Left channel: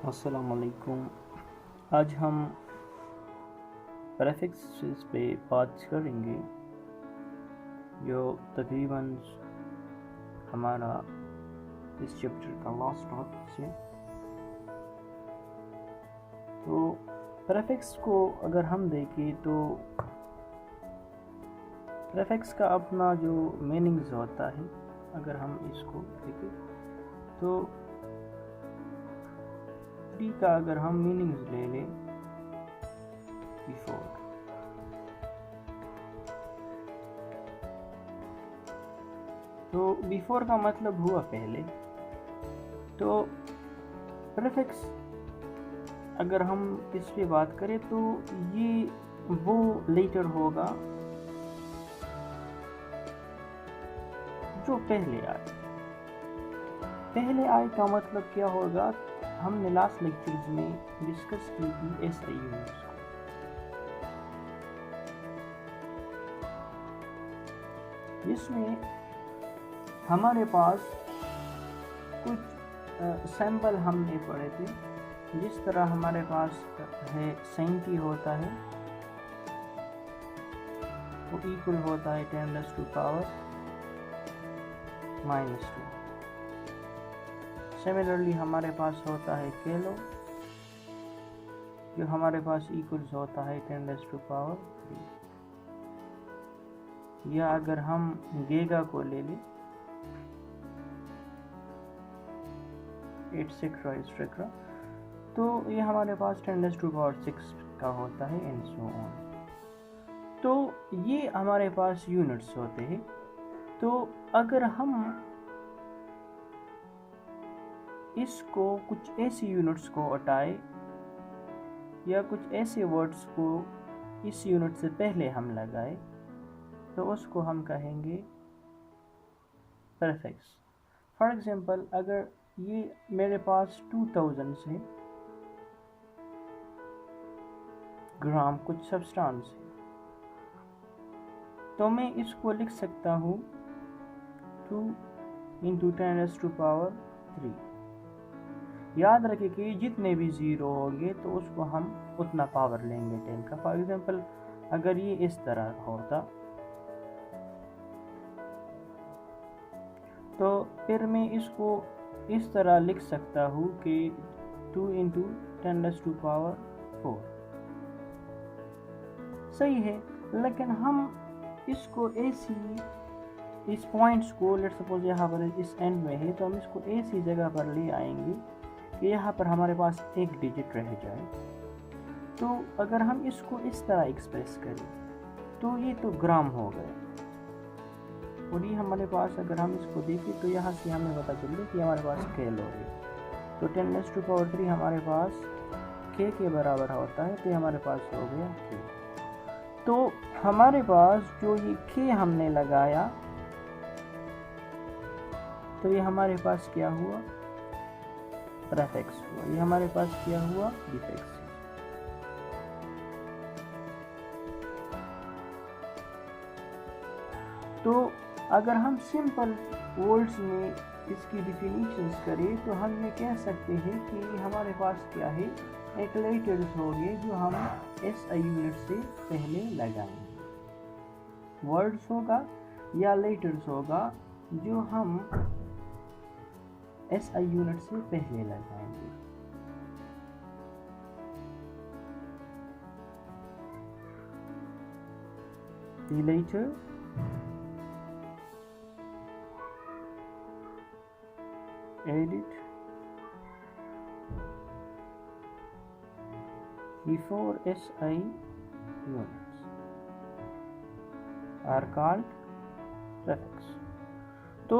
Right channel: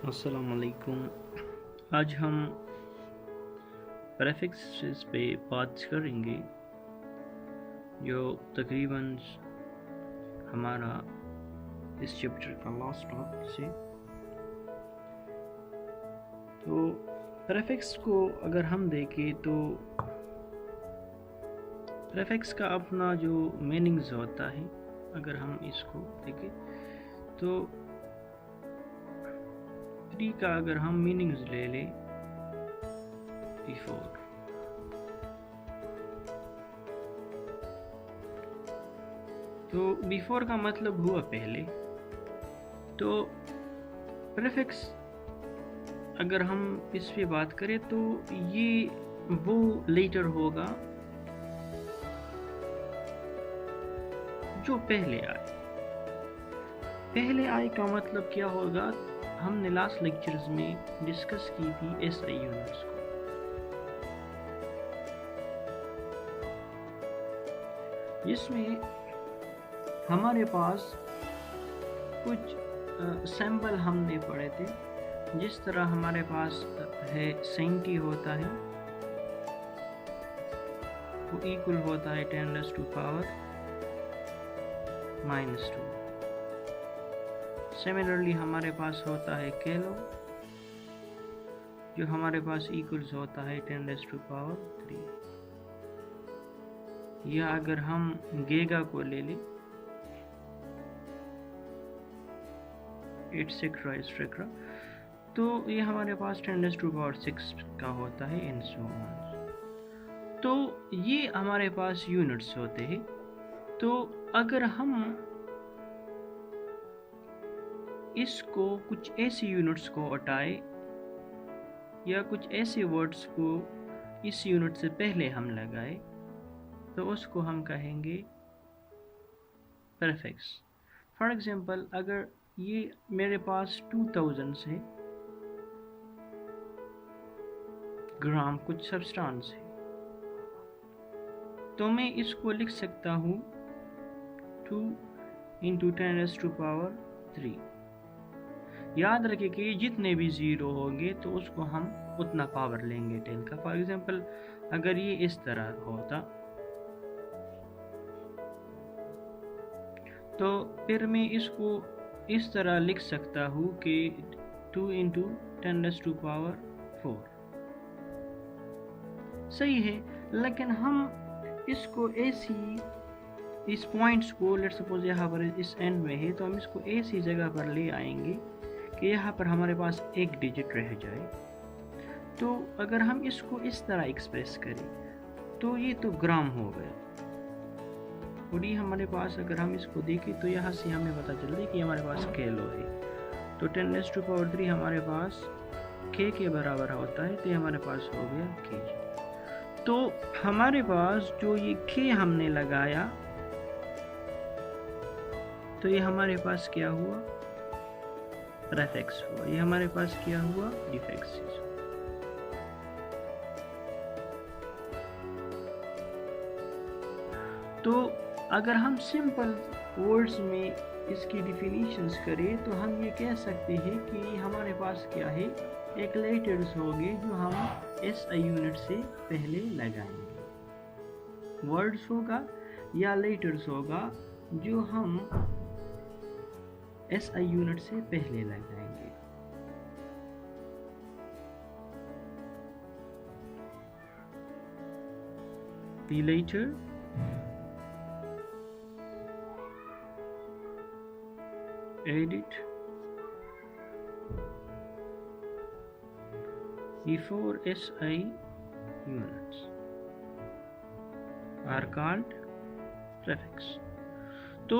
अस्सलाम वालेकुम। आज हम प्रेफिक्सेस पे बात करेंगे जो तकरीबन हमारा इस चैप्टर का लास्ट टॉपिक से। तो प्रेफिक्स को अगर हम देखें तो प्रेफिक्स का अपना जो मीनिंग्स होता है, अगर हम इसको देखें तो प्री का अगर हम मीनिंग्स ले लें, बिफोर, तो बिफोर का मतलब हुआ पहले। तो प्रीफिक्स अगर हम इस पे बात करें तो ये वो लेटर होगा जो पहले आए। पहले आए का मतलब क्या होगा, हमने लास्ट लेक्चर्स में डिस्कस की थी एसआई यूनिट्स को। जिसमें हमारे पास कुछ सैंपल हमने पढ़े थे। जिस तरह हमारे पास है 70 होता है, वो इक्वल होता है 10⁻⁻⁻²। सिमिलरली हमारे पास होता है किलो, जो हमारे पास इक्वल्स होता है 10⁻³ या अगर हम गीगा को ले लें, एटसेट्रा, तो ये हमारे पास 10⁻⁶ का होता है एंड सो ऑन। तो ये हमारे पास यूनिट्स होते हैं। तो अगर हम इसको कुछ ऐसी यूनिट्स को हटाए या कुछ ऐसे वर्ड्स को इस यूनिट से पहले हम लगाए तो उसको हम कहेंगे प्रीफिक्स। फॉर एग्जांपल, अगर ये मेरे पास 2000 है ग्राम कुछ सब्सटेंस है, तो मैं इसको लिख सकता हूँ 2 × 10⁻³ याद रखें कि जितने भी ज़ीरो होंगे तो उसको हम उतना पावर लेंगे 10 का। फॉर एग्जांपल, अगर ये इस तरह होता तो फिर मैं इसको इस तरह लिख सकता हूँ कि 2 × 10⁻⁴ सही है। लेकिन हम इसको ऐसी इस पॉइंट्स को, लेट्स सपोज यहाँ पर इस एंड में है, तो हम इसको ऐसी जगह पर ले आएंगे कि यहाँ पर हमारे पास एक डिजिट रह जाए। तो अगर हम इसको इस तरह एक्सप्रेस करें तो ये तो ग्राम हो गया, और ये हमारे पास अगर हम इसको देखें तो यहाँ से हमें पता चलता है कि हमारे पास किलो है। तो 10⁻³ हमारे पास k के बराबर होता है, तो हमारे पास हो गया k। तो हमारे पास जो ये k हमने लगाया, तो ये हमारे पास क्या हुआ, प्रीफिक्स हुआ। ये हमारे पास क्या हुआ, डिफिक्स। तो अगर हम सिंपल वर्ड्स में इसकी डिफिनीशंस करें तो हम ये कह सकते हैं कि हमारे पास क्या है, एक लेटर्स होंगे जो हम एसआई यूनिट से पहले लगाएंगे। वर्ड्स होगा या लेटर्स होगा जो हम एसआई यूनिट से पहले लगाएंगे। The later edit before SI units are called prefix। तो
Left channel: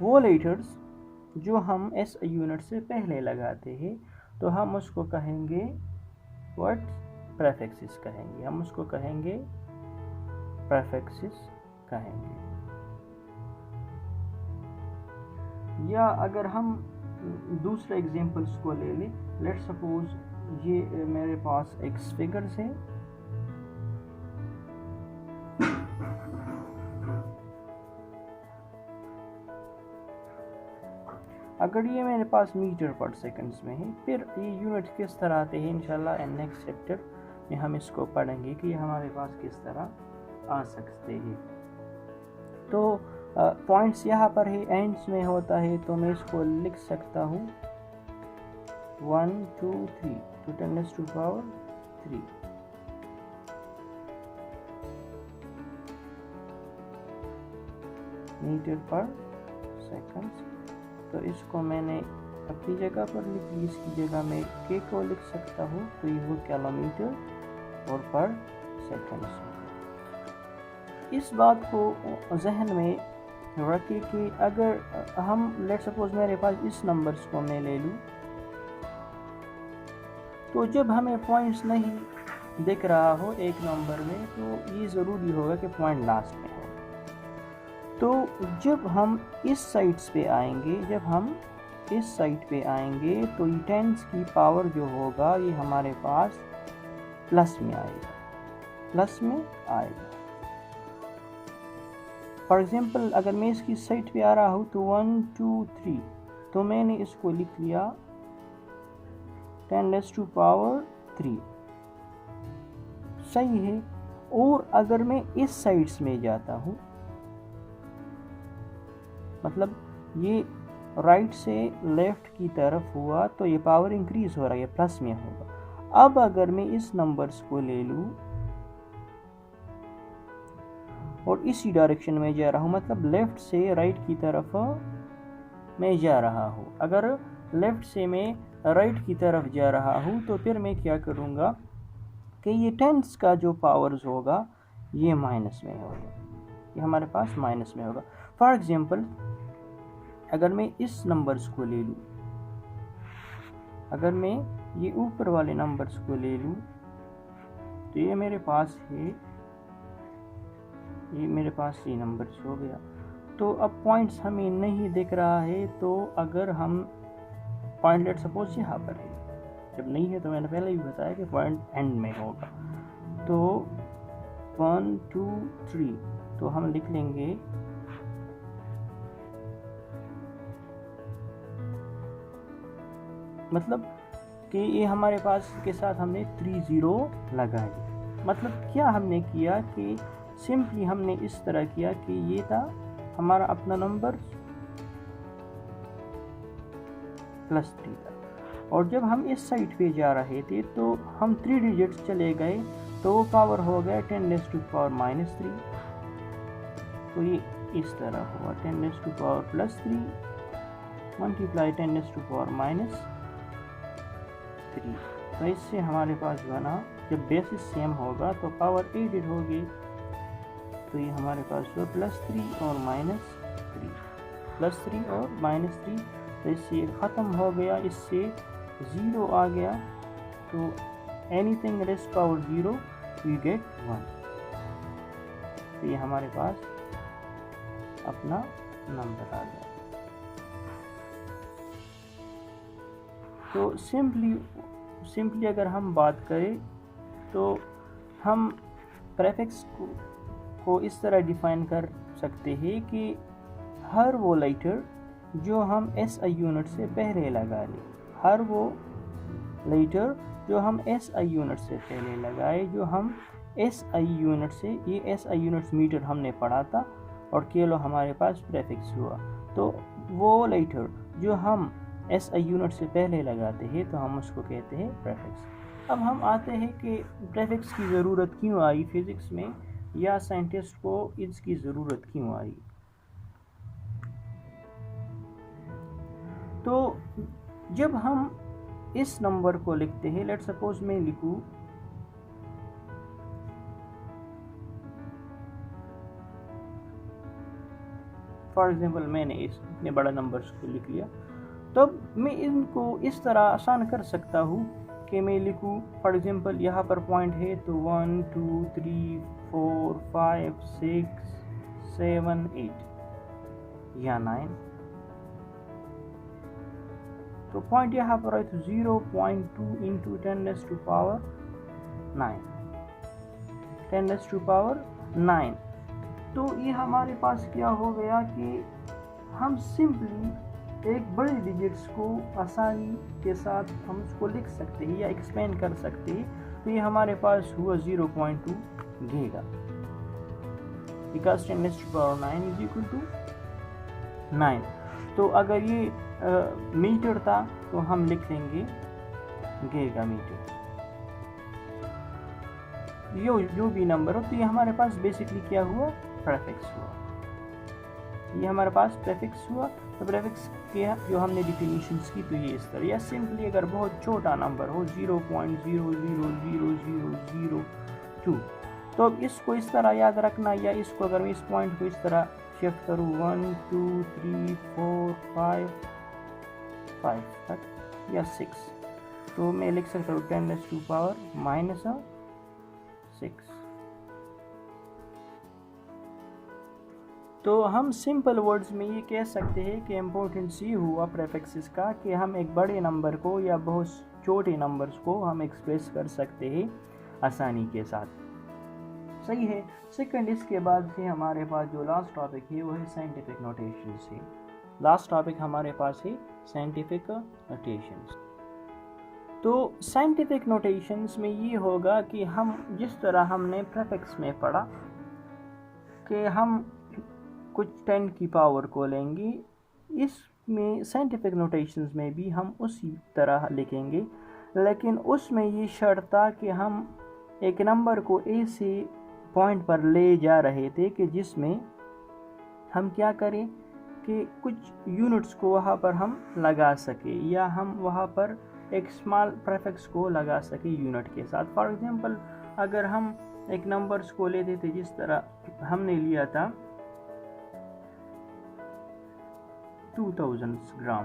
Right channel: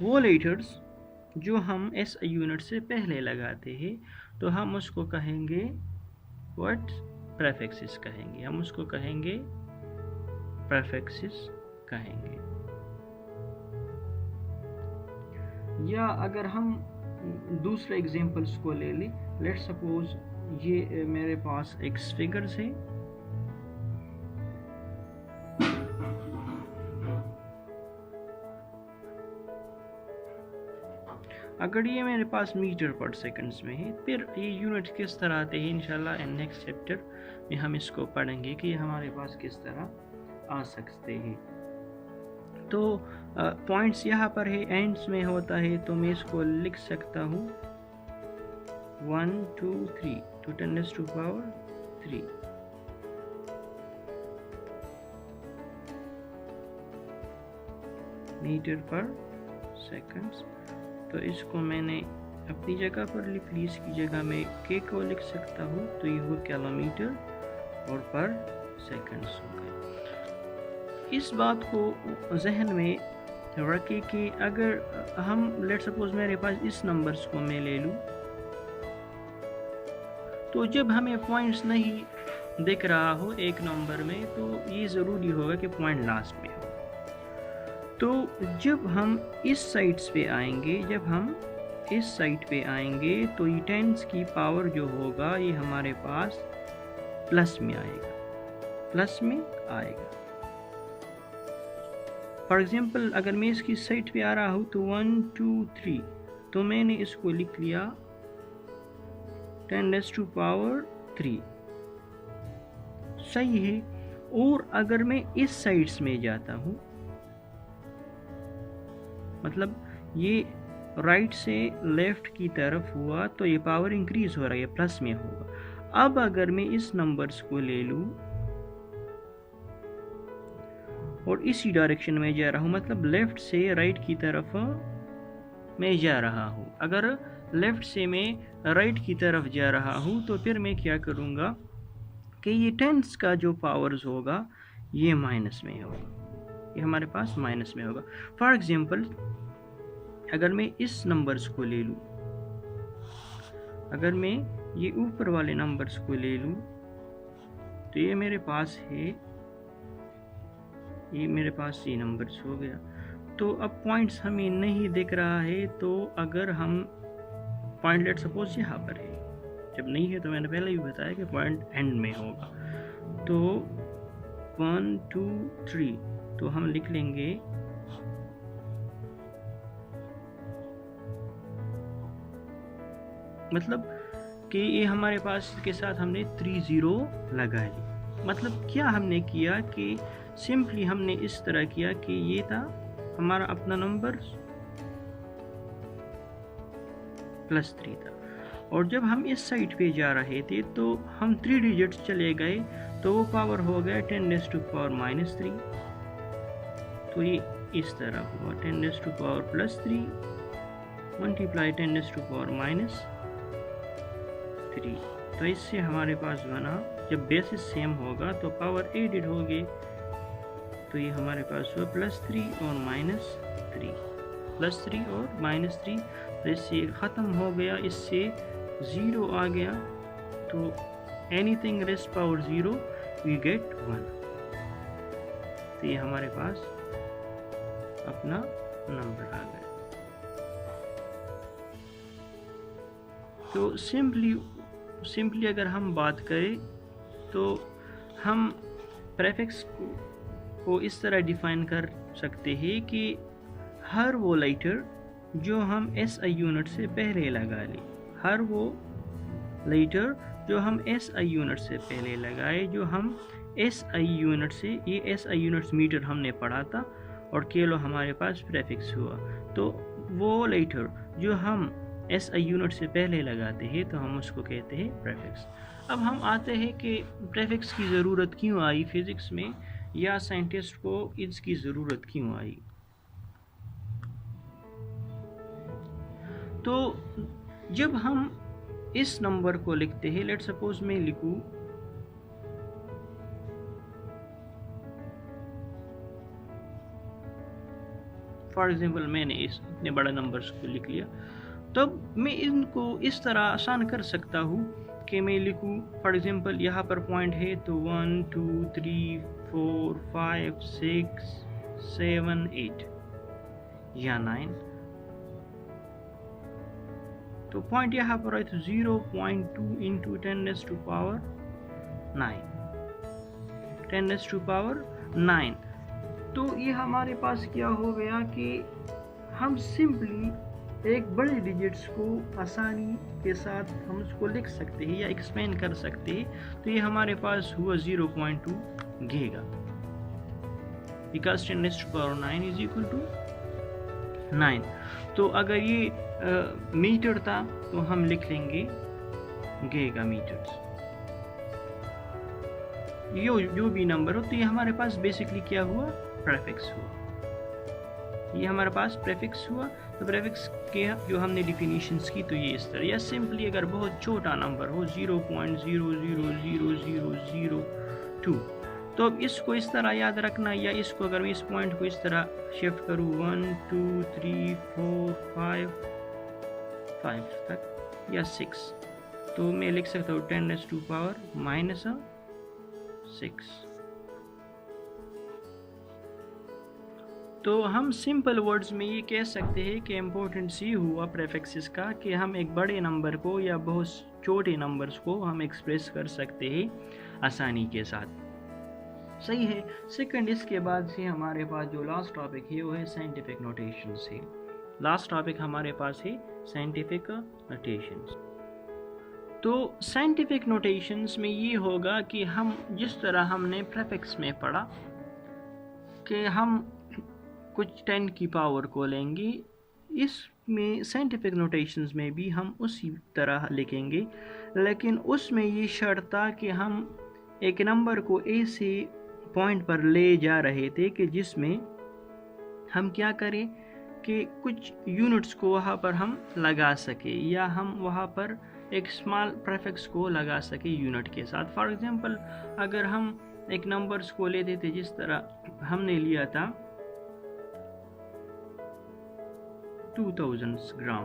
वो लेटर्स जो हम SI यूनिट से पहले लगाते हैं तो हम उसको कहेंगे व्हाट, प्रीफिक्सेस कहेंगे। हम उसको कहेंगे प्रीफिक्सेस कहेंगे। या अगर हम दूसरे एग्जांपल्स को ले लें, लेट्स सपोज ये मेरे पास एक्स फिगर्स हैं, अगर ये मेरे पास मीटर पर सेकंड्स में है, फिर ये यूनिट किस तरह आते हैं इंशाल्लाह नेक्स्ट चैप्टर में हम इसको पढ़ेंगे कि हमारे पास किस तरह आ सकते हैं। तो पॉइंट्स यहाँ पर है, एंड्स में होता है, तो मैं इसको लिख सकता हूँ 1 2 3 to 10⁻³ मीटर पर सेकंड्स। तो इसको मैंने अपनी जगह पर लिख ली, इसकी जगह में के को लिख सकता हूँ, तो ये हो किलोमीटर और पर सेकंड्स होगा। इस बात को जहन में रखें कि अगर हम लेट सपोज मेरे पास इस नंबर्स को मैं ले लूँ, तो जब हमें पॉइंट्स नहीं दिख रहा हो एक नंबर में, तो ये ज़रूरी होगा कि पॉइंट लास्ट में हो। तो जब हम इस साइड्स पे आएंगे, तो ये टेंस की पावर जो होगा ये हमारे पास प्लस में आएगा। फॉर एग्जांपल अगर मैं इसकी साइड पे आ रहा हूँ तो 1 2 3, तो मैंने इसको लिख लिया 10⁻³ सही है। और अगर मैं इस साइड्स में जाता हूँ, मतलब ये राइट से लेफ्ट की तरफ हुआ, तो ये पावर इंक्रीज हो रहा है, प्लस में होगा। अब अगर मैं इस नंबर्स को ले लूँ और इसी डायरेक्शन में जा रहा हूँ, मतलब लेफ्ट से राइट की तरफ मैं जा रहा हूँ। अगर लेफ्ट से मैं राइट की तरफ जा रहा हूँ, तो फिर मैं क्या करूँगा कि ये टेंस का जो पावर्स होगा ये माइनस में होगा, ये हमारे पास माइनस में होगा। फॉर एग्जांपल अगर मैं इस नंबर्स को ले लूँ, अगर मैं ये ऊपर वाले नंबर्स को ले लूँ, तो ये मेरे पास है, ये मेरे पास ये नंबर्स हो गया। तो अब पॉइंट्स हमें नहीं दिख रहा है, तो अगर हम पॉइंट लेट सपोज यहाँ पर है, जब नहीं है तो मैंने पहले भी बताया कि पॉइंट एंड में होगा। तो 1 2 3, तो हम लिख लेंगे मतलब कि ये हमारे पास के साथ हमने 3 0 लगा ली। मतलब क्या हमने किया कि सिंपली हमने इस तरह किया कि ये था हमारा अपना नंबर +3 था, और जब हम इस साइड पे जा रहे थे तो हम 3 डिजिट्स चले गए, तो वो पावर हो गया 10⁻³ तो ये इस तरह हुआ 10⁻+3 मल्टीप्लाई 10⁻⁻3। तो इससे हमारे पास बना, जब बेसिस सेम होगा तो पावर एडेड होगी, तो ये हमारे पास हुआ +3 और -3, +3 और -3। तो इससे ये ख़त्म हो गया, इससे 0 आ गया, तो anything rest power 0 we get 1। तो ये हमारे पास अपना नंबर आ गया। तो सिंपली अगर हम बात करें तो हम प्रेफिक्स को इस तरह डिफाइन कर सकते हैं कि हर वो लेटर जो हम SI यूनिट से पहले लगा लें, हर वो लेटर जो हम SI यूनिट से पहले लगाए, जो हम SI यूनिट से, ये SI यूनिट्स मीटर हमने पढ़ा था और किलो हमारे पास प्रेफिक्स हुआ, तो वो लेटर जो हम SI यूनिट से पहले लगाते हैं तो हम उसको कहते हैं प्रेफिक्स। अब हम आते हैं कि प्रेफिक्स की ज़रूरत क्यों आई फिज़िक्स में, या साइंटिस्ट को इसकी ज़रूरत क्यों आई। तो जब हम इस नंबर को लिखते हैं, लेट सपोज मैं लिखूं फॉर एग्जांपल, मैंने इस इतने बड़ा नंबर्स को लिख लिया, तब मैं इनको इस तरह आसान कर सकता हूँ कि मैं लिखूँ फॉर एग्जांपल यहाँ पर पॉइंट है तो 1 2 3 4 5 6 7 8 या 9, तो पॉइंट यहाँ पर है तो 0.2 इंटू 10⁻⁹ तो ये हमारे पास क्या हो गया कि हम सिंपली एक बड़े डिजिट्स को आसानी के साथ हम उसको लिख सकते हैं या एक्सप्लेन कर सकते हैं। तो ये हमारे पास हुआ 0.2 giga, because 10⁻⁹ is equal to 9। तो अगर ये मीटर था तो हम लिख लेंगे गीगा मीटर्स। जो भी नंबर हो, तो ये हमारे पास बेसिकली क्या हुआ, प्रीफिक्स हुआ। ये हमारे पास प्रीफिक्स हुआ। तो प्रीफिक्स के जो हमने डिफिनीशंस की तो ये इस तरह, या सिंपली अगर बहुत छोटा नंबर हो 0.0000002, तो अब इसको इस तरह याद रखना, या इसको अगर मैं इस पॉइंट को इस तरह शिफ्ट करूँ 1 2 3 4 5 तक या 6, तो मैं लिख सकता हूँ 10⁻⁻6। तो हम सिंपल वर्ड्स में ये कह सकते हैं कि इम्पोर्टेंस ये हुआ प्रीफिक्सेस का कि हम एक बड़े नंबर को या बहुत छोटे नंबर्स को हम एक्सप्रेस कर सकते हैं आसानी के साथ। सही है। सेकंड, इसके बाद से हमारे पास जो लास्ट टॉपिक है वो है साइंटिफिक नोटेशंस है। लास्ट टॉपिक हमारे पास है साइंटिफिक नोटेशंस। तो साइंटिफिक नोटेशंस में ये होगा कि हम जिस तरह हमने प्रीफिक्स में पढ़ा कि हम कुछ 10 की पावर को लेंगे, इसमें साइंटिफिक नोटेशंस में भी हम उसी तरह लिखेंगे, लेकिन उसमें ये शर्त था कि हम एक नंबर को ऐसे पॉइंट पर ले जा रहे थे कि जिसमें हम क्या करें कि कुछ यूनिट्स को वहाँ पर हम लगा सके, या हम वहाँ पर एक स्मॉल प्रीफिक्स को लगा सके यूनिट के साथ। फॉर एग्जांपल, अगर हम एक नंबर्स को लेते थे, जिस तरह हमने लिया था 2000 ग्राम,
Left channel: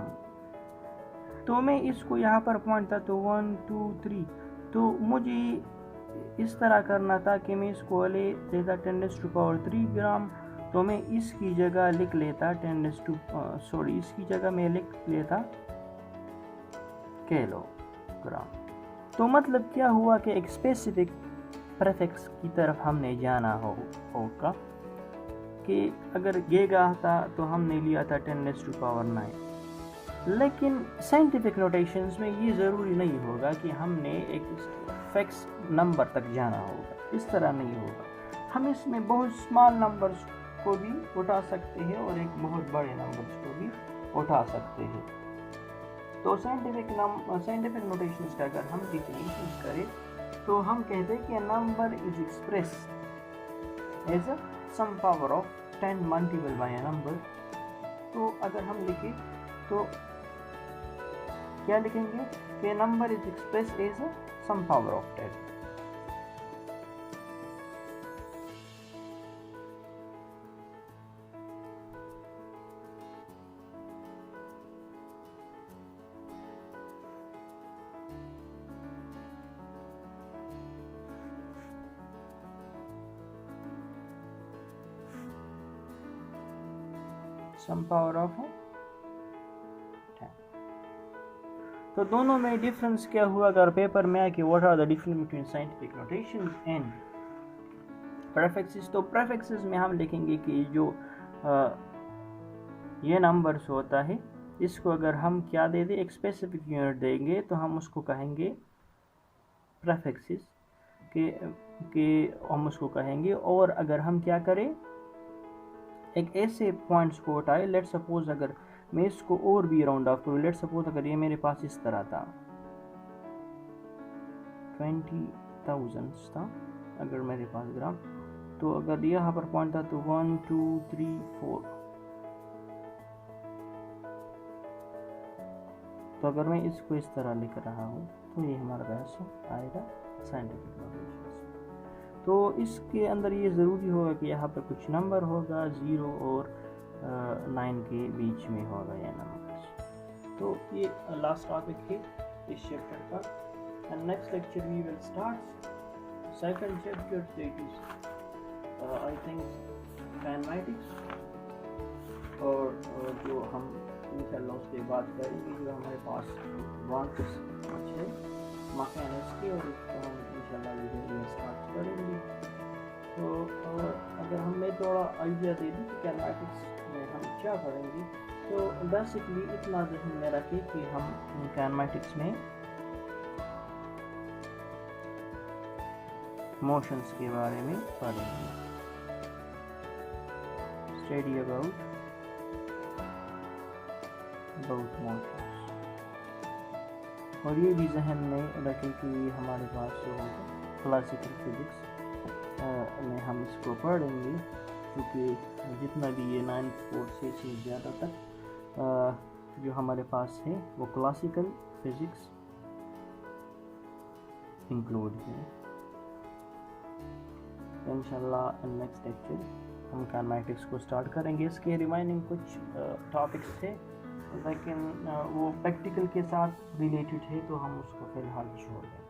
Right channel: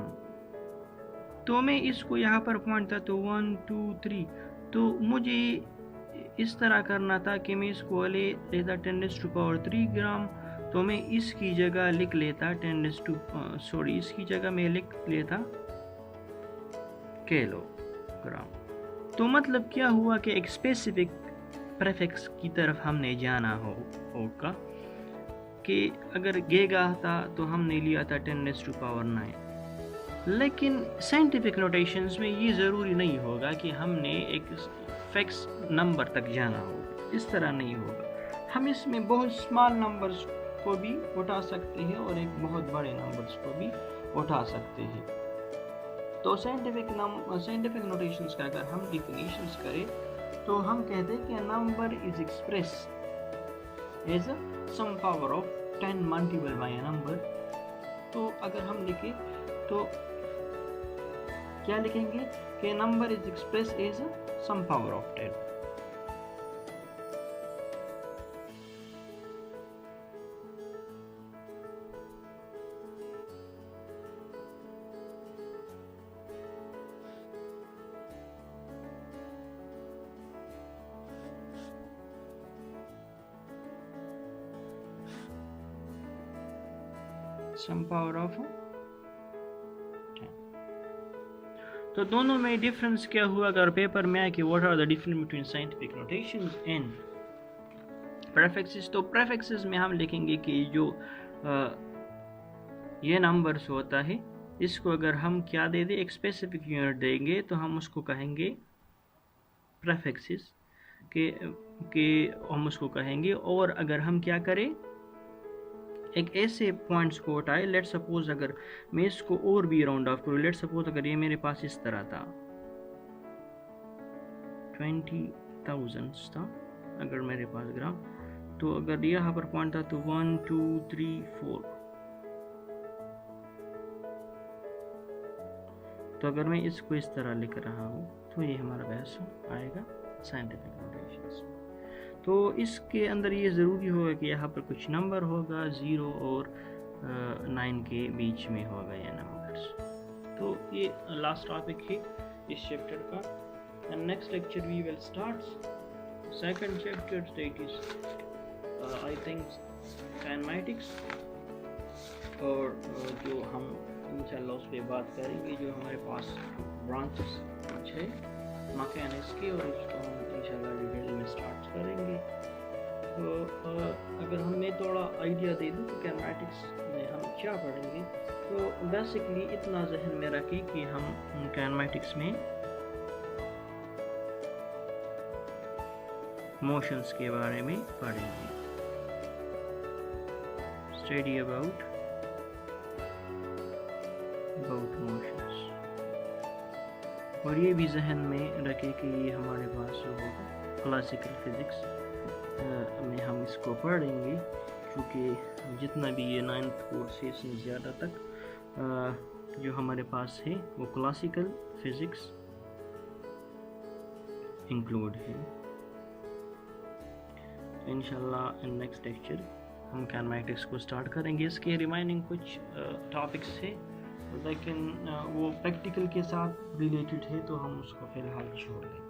तो मैं इसको यहाँ पर पॉइंट था तो 1 2 3, तो मुझे इस तरह करना था कि मैं इसको लेता 10⁻³ ग्राम, तो मैं इसकी जगह लिख लेता इसकी जगह मैं लिख लेता किलोग्राम। तो मतलब क्या हुआ कि एक स्पेसिफिक प्रीफिक्स की तरफ हमने जाना होगा कि अगर गीगा था तो हमने लिया था 10⁻⁹। लेकिन साइंटिफिक नोटेशंस में ये ज़रूरी नहीं होगा कि हमने एक फिक्स नंबर तक जाना होगा, इस तरह नहीं होगा। हम इसमें बहुत स्मॉल नंबर्स को भी उठा सकते हैं और एक बहुत बड़े नंबर्स को भी उठा सकते हैं। तो साइंटिफिक नोटेशंस का अगर हम डिफिनीशंस करें तो हम कहते हैं कि number is express as a sum power of 10 multiple by a number. तो अगर हम लिखें तो क्या लिखेंगे कि number is express as a sum power of 10। Sum power of 10। तो दोनों में डिफरेंस क्या हुआ अगर पेपर में आए कि what are the difference between scientific notations and prefixes. तो प्रीफिक्सेस में हम लिखेंगे कि जो ये नंबर्स होता है, इसको अगर हम क्या दे दें, एक स्पेसिफिक यूनिट देंगे, तो हम उसको कहेंगे प्रीफिक्सेस के हम उसको कहेंगे। और अगर हम क्या करें, एक ऐसे पॉइंट्स को उठाए, लेट सपोज अगर मैं इसको और भी राउंड ऑफ करूँ, लेट सपोज अगर ये मेरे पास इस तरह था 20,000 था अगर मेरे पास ग्राम, तो अगर यहाँ पर पॉइंट था तो 1 2 3 4, तो अगर मैं इसको इस तरह लिख रहा हूँ तो ये हमारा बहस आएगा साइंटिफिक नोटेशंस। तो इसके अंदर ये ज़रूरी होगा कि यहाँ पर कुछ नंबर होगा, 0 और 9 के बीच में होगा ये नंबर्स। तो ये लास्ट टॉपिक है इस चैप्टर का। And next lecture we will start second chapter, that is I think kinematics, और जो हम इंशाल्लाह उस पर बात करेंगे, जो हमारे पास ब्रांचेस कुछ है मैकेनिक्स के, और इसको हम इंशाल्लाह वीडियो में स्टार्ट करेंगे। तो अगर हमें थोड़ा आइडिया दे दूँ तो काइनेमैटिक्स में हम क्या पढ़ेंगे, तो बेसिकली इतना जहन में रखें कि हम काइनेमेटिक्स में मोशंस के बारे में पढ़ेंगे। स्टडी अबाउट मोशंस, और ये भी जहन में रखें कि ये हमारे पास जो क्लासिकल फिज़िक्स में हम इसको पढ़ेंगे, क्योंकि जितना भी ये 9th कोर्स से ज़्यादा तक जो हमारे पास है वो क्लासिकल फिज़िक्स इंक्लूड है। इंशाल्लाह नेक्स्ट लेक्चर हम काइनेमेटिक्स को स्टार्ट करेंगे। इसके रिमाइनिंग कुछ टॉपिक्स है, लेकिन वो प्रैक्टिकल के साथ रिलेटेड है, तो हम उसको फ़िलहाल छोड़ देंगे।